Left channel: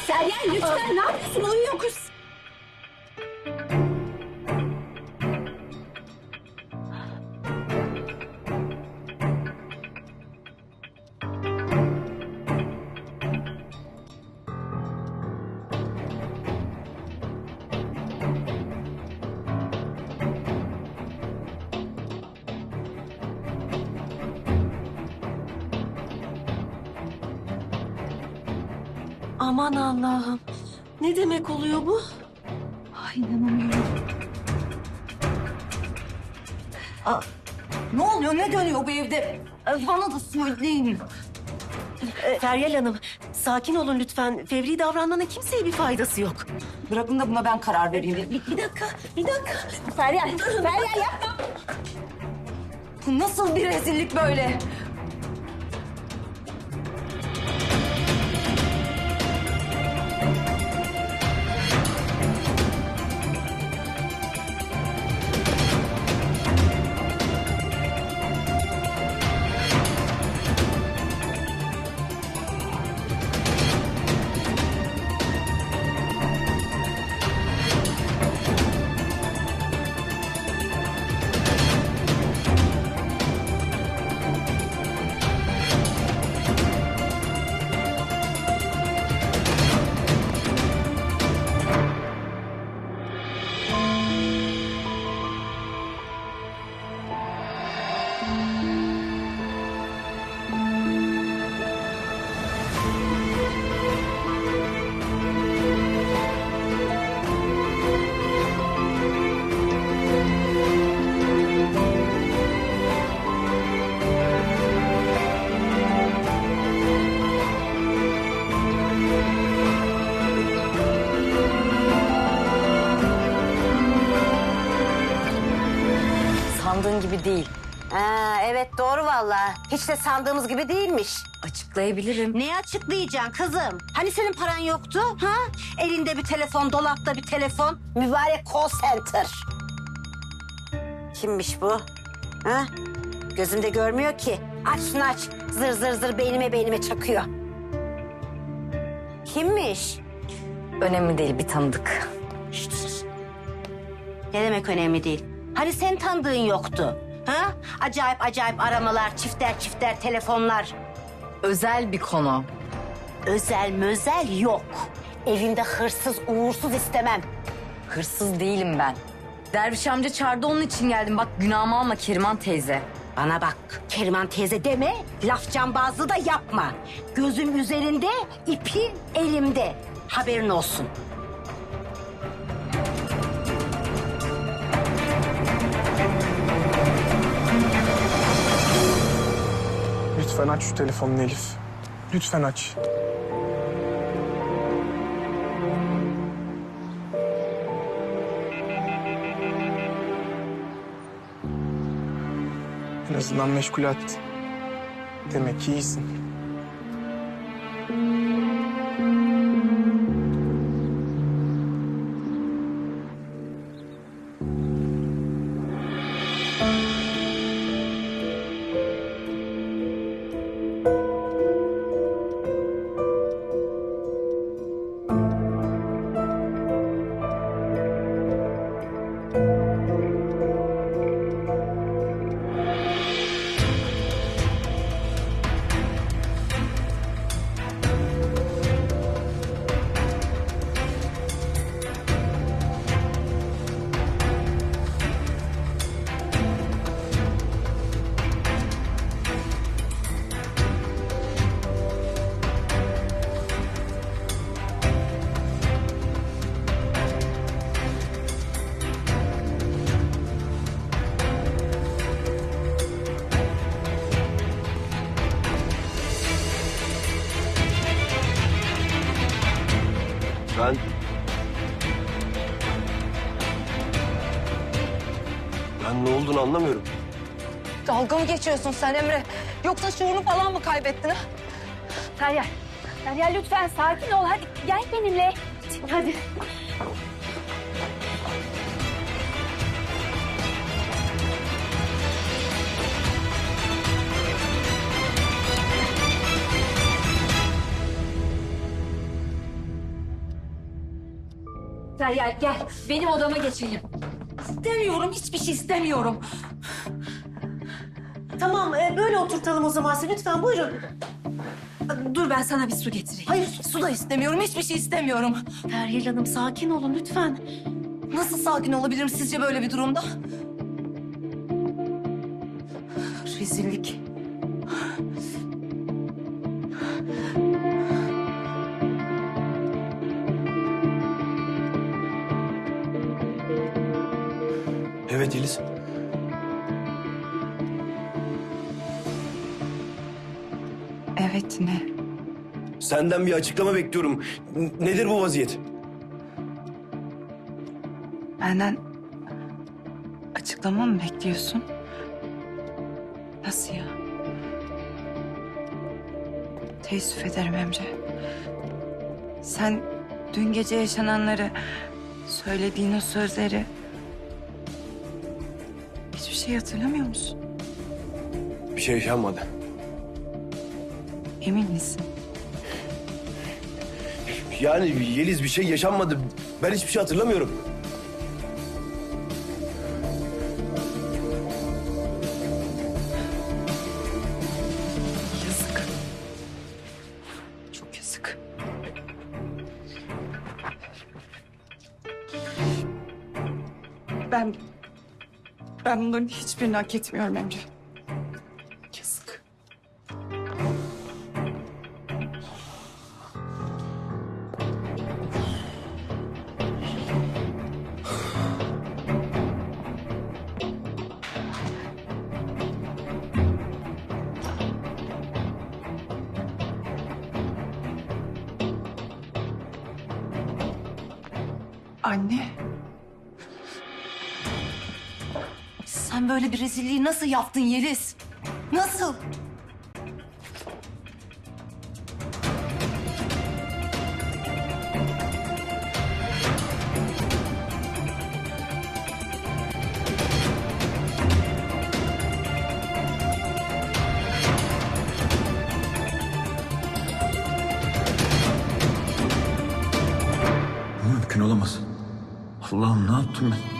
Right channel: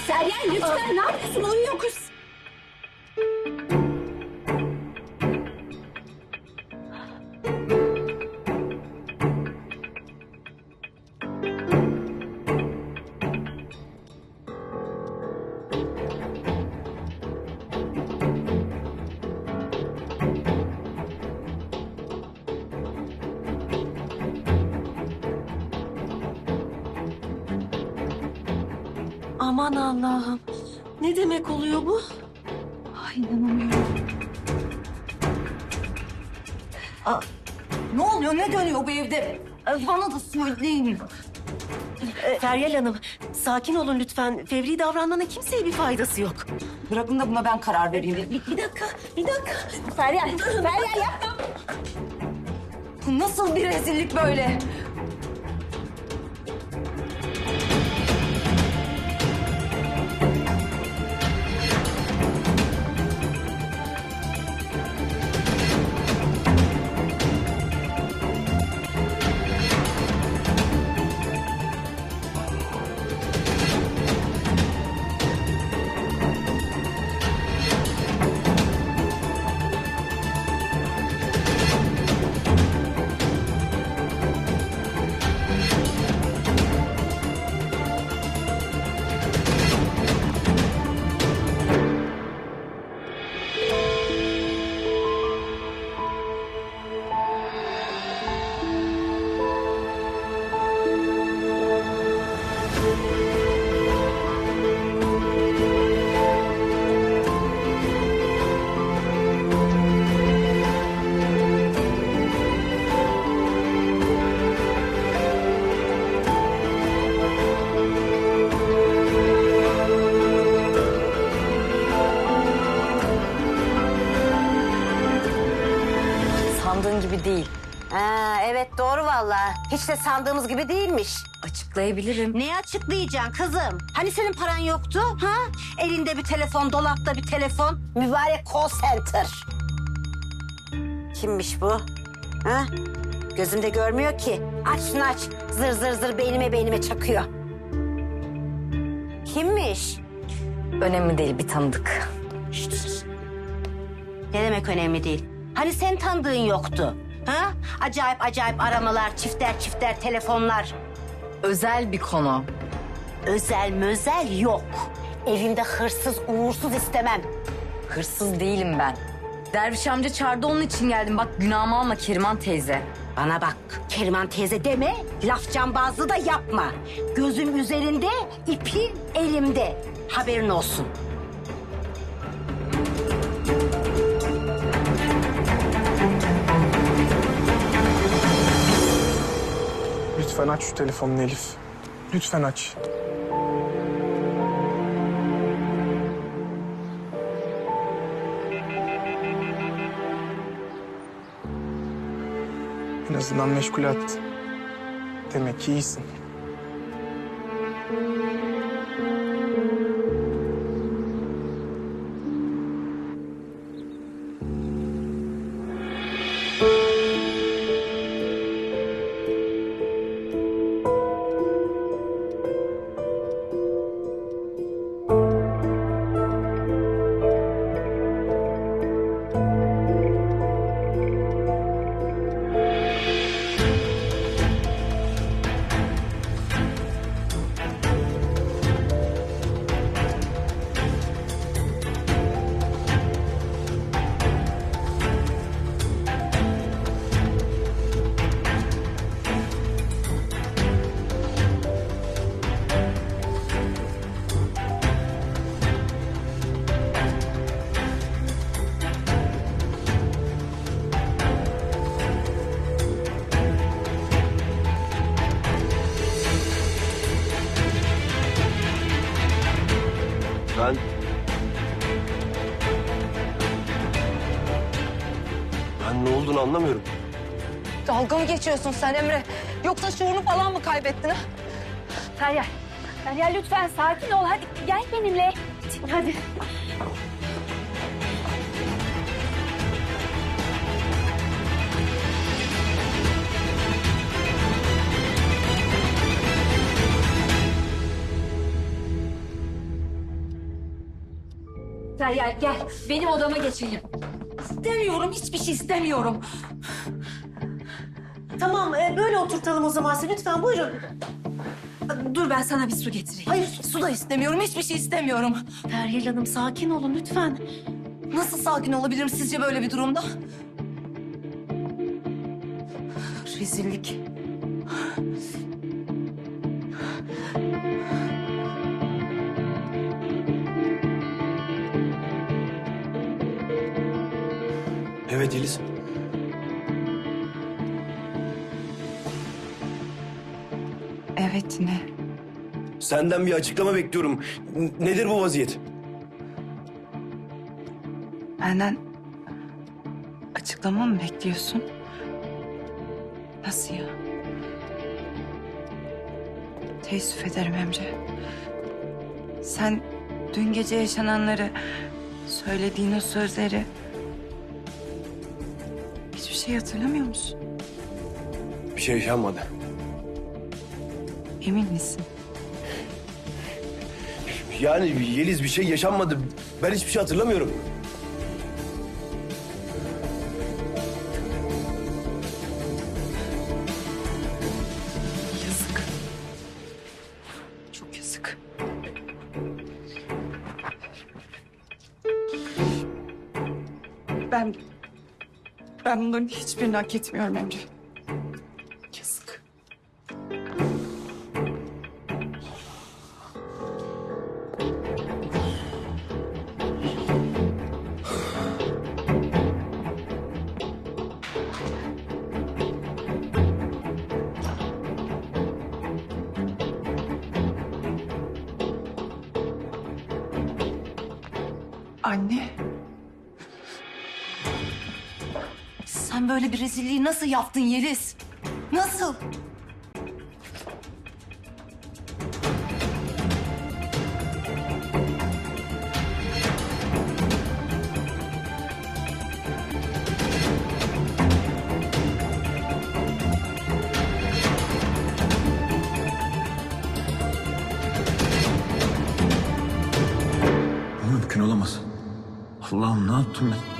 Feryal lütfen ne yapıyorsun? Uyuyor kız. Aman Allah'ım. Ne demek oluyor bu? Ay inanamıyorum. Ne oluyor? Ne dönüyor bu evde? Bana da söyleyin. Feryal Hanım, sakin olun lütfen. Fevri davranmanın kimseye bir faydası yok. Bırakın da buna ben karar vereyim. Bir, bir dakika, bir dakika. Feryal, Feryal yapma. Bu nasıl bir rezillik böyle? Sandığın gibi değil. Ha, evet doğru vallahi. Hiç de sandığımız gibi değilmiş. Açıklayabilirim. Neyi açıklayacaksın kızım? Hani senin paran yoktu? Ha? Elinde bir telefon, dolapta bir telefon. Mübarek call center. Kimmiş bu? Ha? Gözümde görmüyor ki. Aç şunu aç. Zır zır zır beynime beynime çakıyor. Kimmiş? Önemli değil bir tanıdık. Ne demek önemli değil? Hani sen tanıdığın yoktu? Ha? Acayip acayip aramalar, çifter çifter telefonlar. Özel bir konu. Özel mözel yok. Evimde hırsız uğursuz istemem. Hırsız değilim ben. Derviş amca çağırdı onun için geldim. Bak günahımı alma Keriman teyze. Bana bak Keriman teyze deme, laf cambazlığı da yapma. Gözüm üzerinde, ipin elimde. Haberin olsun. Lütfen aç şu telefonunu Elif. Lütfen aç. En azından meşgulat. Demek ki iyisin. Ben ne olduğunu anlamıyorum. Dalga mı geçiyorsun sen Emre? Yoksa şuurunu falan mı kaybettin ha? Feryal, Feryal lütfen sakin ol. Hadi gel benimle. Hadi. Feryal gel benim odama geçelim. İstemiyorum hiçbir şey istemiyorum. Tamam e, böyle oturtalım o zaman sizi. Lütfen buyurun. Dur ben sana bir su getireyim. Hayır. Su da istemiyorum hiçbir şey istemiyorum. Feryal Hanım sakin olun lütfen. Nasıl sakin olabilirim sizce böyle bir durumda? Rezillik. Evet Yeliz. Evet ne? Senden bir açıklama bekliyorum. N- nedir bu vaziyet? Benden açıklama mı bekliyorsun? Nasıl ya? Teessüf ederim Emre. Sen dün gece yaşananları, söylediğin o sözleri... Şey hatırlamıyor musun? Bir şey yaşanmadı. Emin misin? Yani Yeliz bir şey yaşanmadı. Ben hiçbir şey hatırlamıyorum. Yazık. Çok yazık. Ben... Ben bunların hiçbirini hak etmiyorum Emre. Yazık. Anne. Sen böyle bir rezilliği nasıl yaptın Yeliz? Nasıl? Bu mümkün olamaz. Allah'ım ne yaptım ben?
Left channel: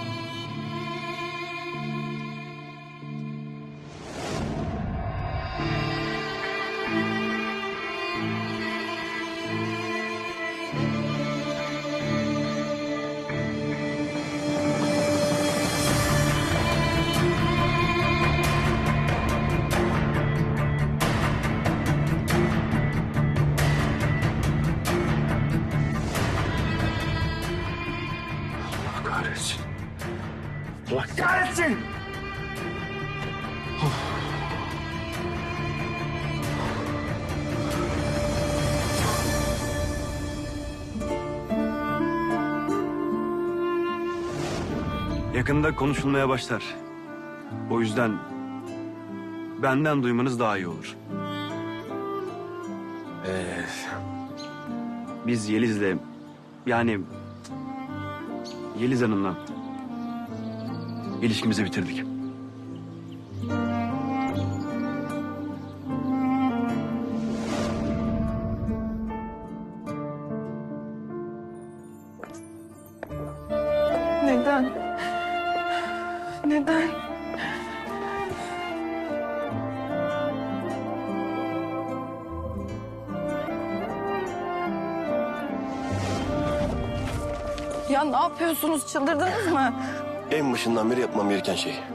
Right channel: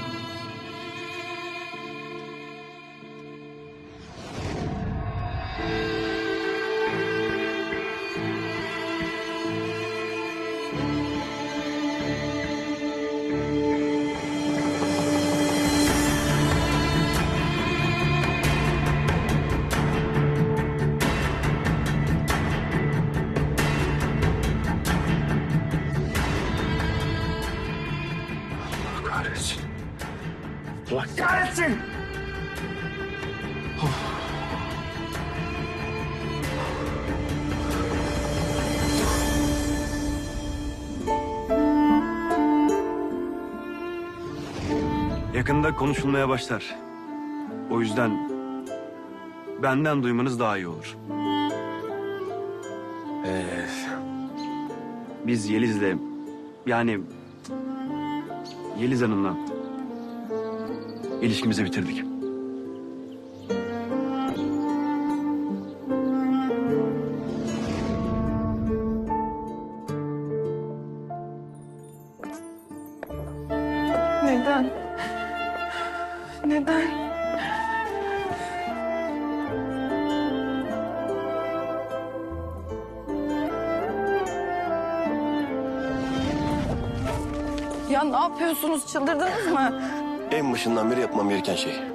Allah kahretsin! Yakında konuşulmaya başlar. O yüzden benden duymanız daha iyi olur. Ee, Biz Yeliz'le yani Yeliz Hanım'la ilişkimizi bitirdik. Neden? Neden? Ya ne yapıyorsunuz? Çıldırdınız mı? En başından beri yapmam gereken şey.